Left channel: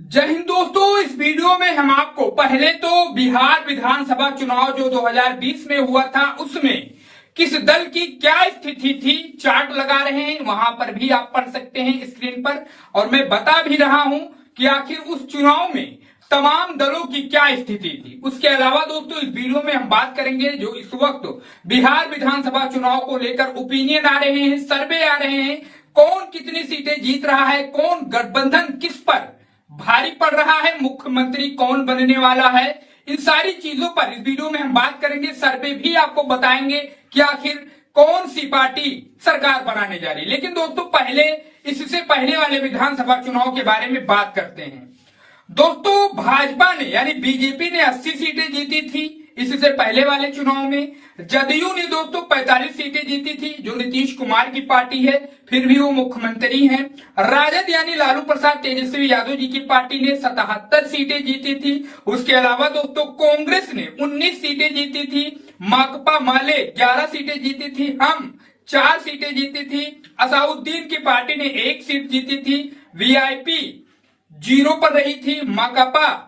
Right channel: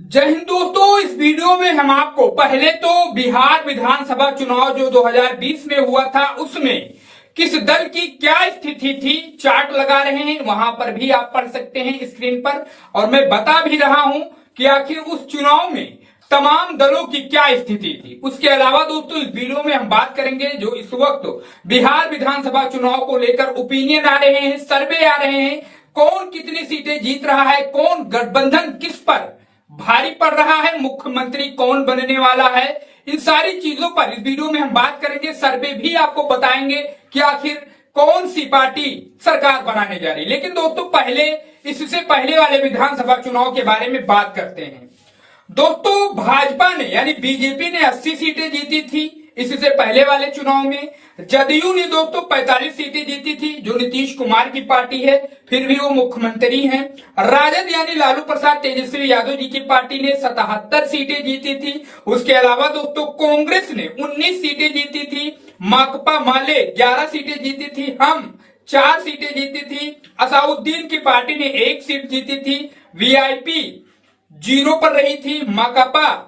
जय हिंद दोस्तों। इस वीडियो में हम आपको पहले तो बिहार विधानसभा चुनाव जो 2020 में हुआ था उसमें किस दल की क्या स्थिति थी चार्ट लगा रहे हैं, वहां पर भी आप पढ़ सकते हैं स्क्रीन पर। और मैं बता भी रहा हूं कि आखिर उस चुनाव में तमाम दलों की क्या स्थिति थी। उसके अलावा दोस्तों इस वीडियो में हम बात करेंगे जो इस वक्त बिहार विधानसभा चुनाव को लेकर ओपिनियन आ रहे हैं, सर्वे आ रहे हैं, कौन कितनी सीटें जीत रहा है, कौन गठबंधन किस पर भारी पड़ रहा है, मुख्यमंत्री कौन बनने वाला है, इन सारी चीजों पर इस वीडियो में हम बात करेंगे। सर्वे भी आपको बताएंगे कि आखिर कौन सी पार्टी सरकार बनाने जा रही है। लेकिन दोस्तों पहले इससे पहले वाले विधानसभा चुनाव के बारे में बात करते हैं। दोस्तों भाजपा ने यानी बीजेपी ने 80 सीटें जीती थी इससे पहले वाले चुनाव में। जदयू ने दोस्तों 45 सीटें जीती थी, जो नीतीश कुमार की पार्टी है, फिर भी वो मुख्यमंत्री हैं। राजद यानी लालू प्रसाद तेजस्वी यादव जी की पार्टी ने 77 सीटें जीती थी। उसके अलावा दोस्तों कांग्रेस ने 19 सीटें जीती थी, माकपा माले 11 सीटें जीती थी, हम 4 सीटें जीती थी, असाउद्दीन की पार्टी ने 1 सीट जीती थी, वीआईपी 0 पर रही थी, माकपा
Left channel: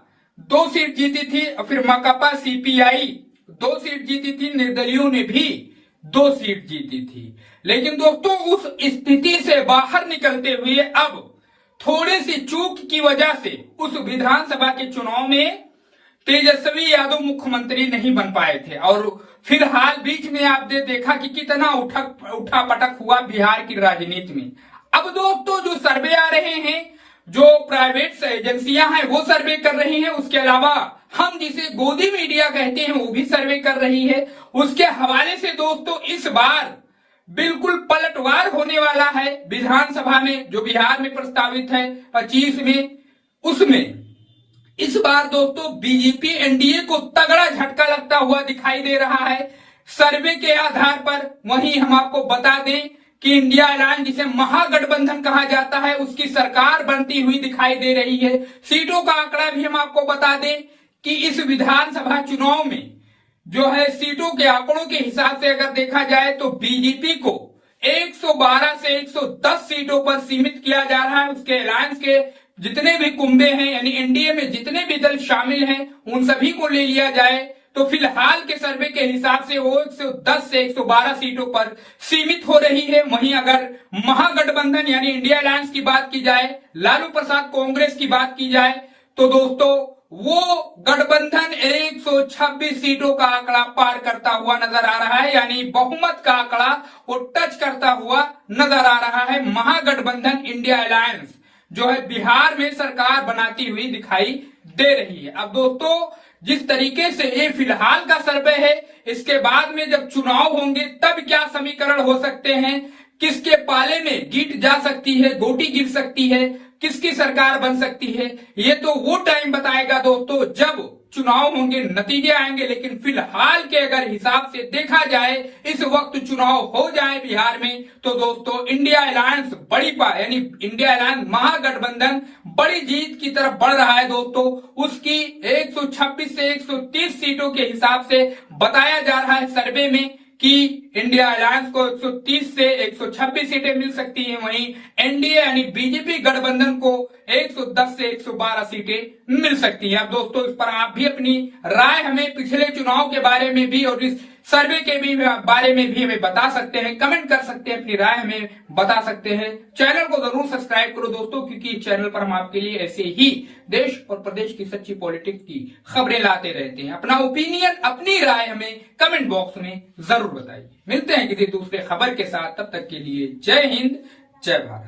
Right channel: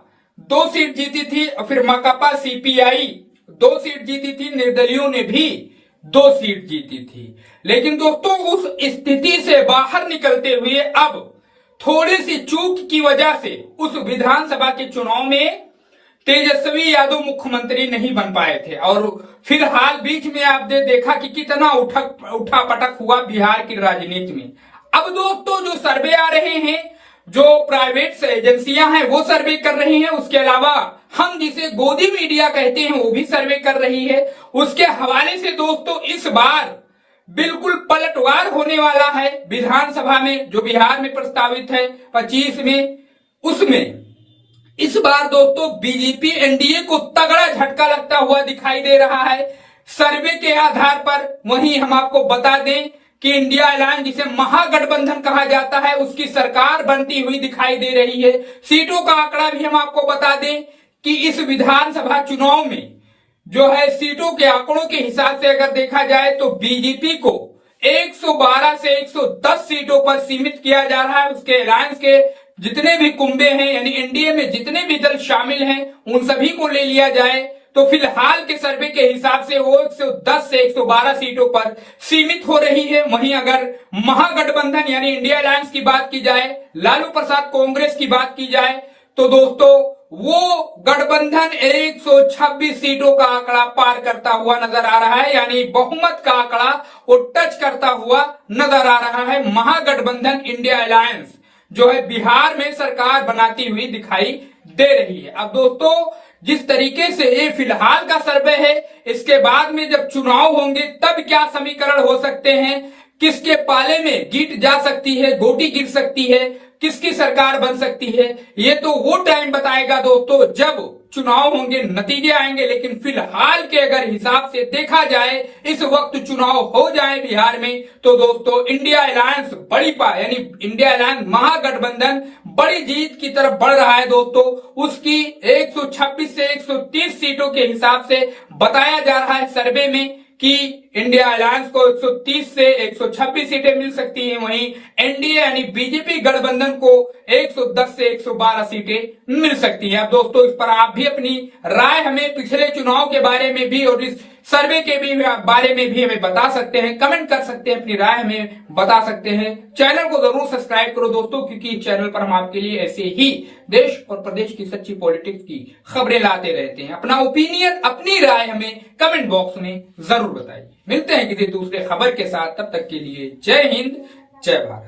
2 सीट जीती थी, और फिर माकपा सीपीआई 2 सीट जीती थी, निर्दलियों ने भी 2 सीट जीती थी। लेकिन दोस्तों उस स्थिति से बाहर निकलते हुए अब थोड़ी सी चूक की वजह से उस विधानसभा के चुनाव में तेजस्वी यादव मुख्यमंत्री नहीं बन पाए थे। और फिलहाल बीच में आपने देखा कि कितना उठा पटक हुआ बिहार की राजनीति में। अब दोस्तों जो सर्वे आ रहे हैं, जो प्राइवेट एजेंसियां हैं वो सर्वे कर रही हैं, उसके अलावा हम जिसे गोदी मीडिया कहते हैं वो भी सर्वे कर रही है। उसके हवाले से दोस्तों इस बार बिल्कुल पलटवार होने वाला है विधानसभा में, जो बिहार में प्रस्तावित है 25 में। उसमें इस बार दोस्तों बीजेपी एनडीए को तगड़ा झटका लगता हुआ दिखाई दे रहा है सर्वे के आधार पर। वहीं हम आपको बता दें कि इंडिया अलायंस जिसे महागठबंधन कहा जाता है उसकी सरकार बनती हुई दिखाई दे रही है। सीटों का आंकड़ा भी हम आपको बता दें कि इस विधानसभा चुनाव में जो है सीटों के आंकड़ों के हिसाब से अगर देखा जाए तो बीजेपी को 112 से 110 सीटों पर सीमित किया जा रहा है। उसके अलायंस के जितने भी कुंबे हैं यानी एनडीए में जितने भी दल शामिल हैं उन सभी को ले लिया जाए तो फिलहाल के सर्वे के हिसाब से वो 110 से 112 सीटों पर सीमित हो रही है। वहीं अगर महागठबंधन यानी इंडिया अलायंस की बात की जाए, लालू प्रसाद कांग्रेस की बात की जाए तो दोस्तों वो गठबंधन 126 सीटों का आंकड़ा पार करता हुआ नजर आ रहा है, यानी बहुमत का आंकड़ा वो टच करता हुआ नजर आ रहा है। महागठबंधन इंडिया अलायंस जो है बिहार में सरकार बनाती हुई दिखाई दे रही है। अब दोस्तों जिस तरीके से ये फिलहाल का सर्वे है, इसके बाद में जब चुनाव होंगे तब क्या समीकरण हो सकते हैं, किसके पाले में गीट जा सकती है, गोटी गिर सकती है, किसकी सरकार बन सकती है, ये तो वो टाइम बताएगा दोस्तों जब चुनाव होंगे, नतीजे आएंगे। लेकिन फिलहाल के अगर हिसाब से देखा जाए इस वक्त चुनाव हो जाए बिहार में तो दोस्तों इंडिया अलायंस यानी इंडिया अलायंस महागठबंधन बड़ी जीत की तरफ बढ़ रहा है दोस्तों। उसकी 126 से 130 सीटों के हिसाब से बताया जा रहा है सर्वे में कि इंडिया अलायंस को 130 से 126 सीटें मिल सकती हैं। वहीं एनडीए यानी बीजेपी गठबंधन को 110 से 112 सीटें मिल सकती हैं। अब दोस्तों इस पर आप भी अपनी राय हमें पिछले चुनाव के बारे में भी और इस सर्वे के भी बारे में भी हमें बता सकते हैं, कमेंट कर सकते हैं, अपनी राय हमें बता सकते हैं। चैनल को जरूर सब्सक्राइब करो दोस्तों, क्योंकि इस चैनल पर हम आपके लिए ऐसे ही देश और प्रदेश की सच्ची पॉलिटिक्स की खबरें लाते रहते हैं। अपना ओपिनियन, अपनी राय हमें कमेंट बॉक्स में जरूर बताइए। मिलते हैं किसी दूसरे खबर के साथ, तब तक के लिए जय हिंद, जय भारत।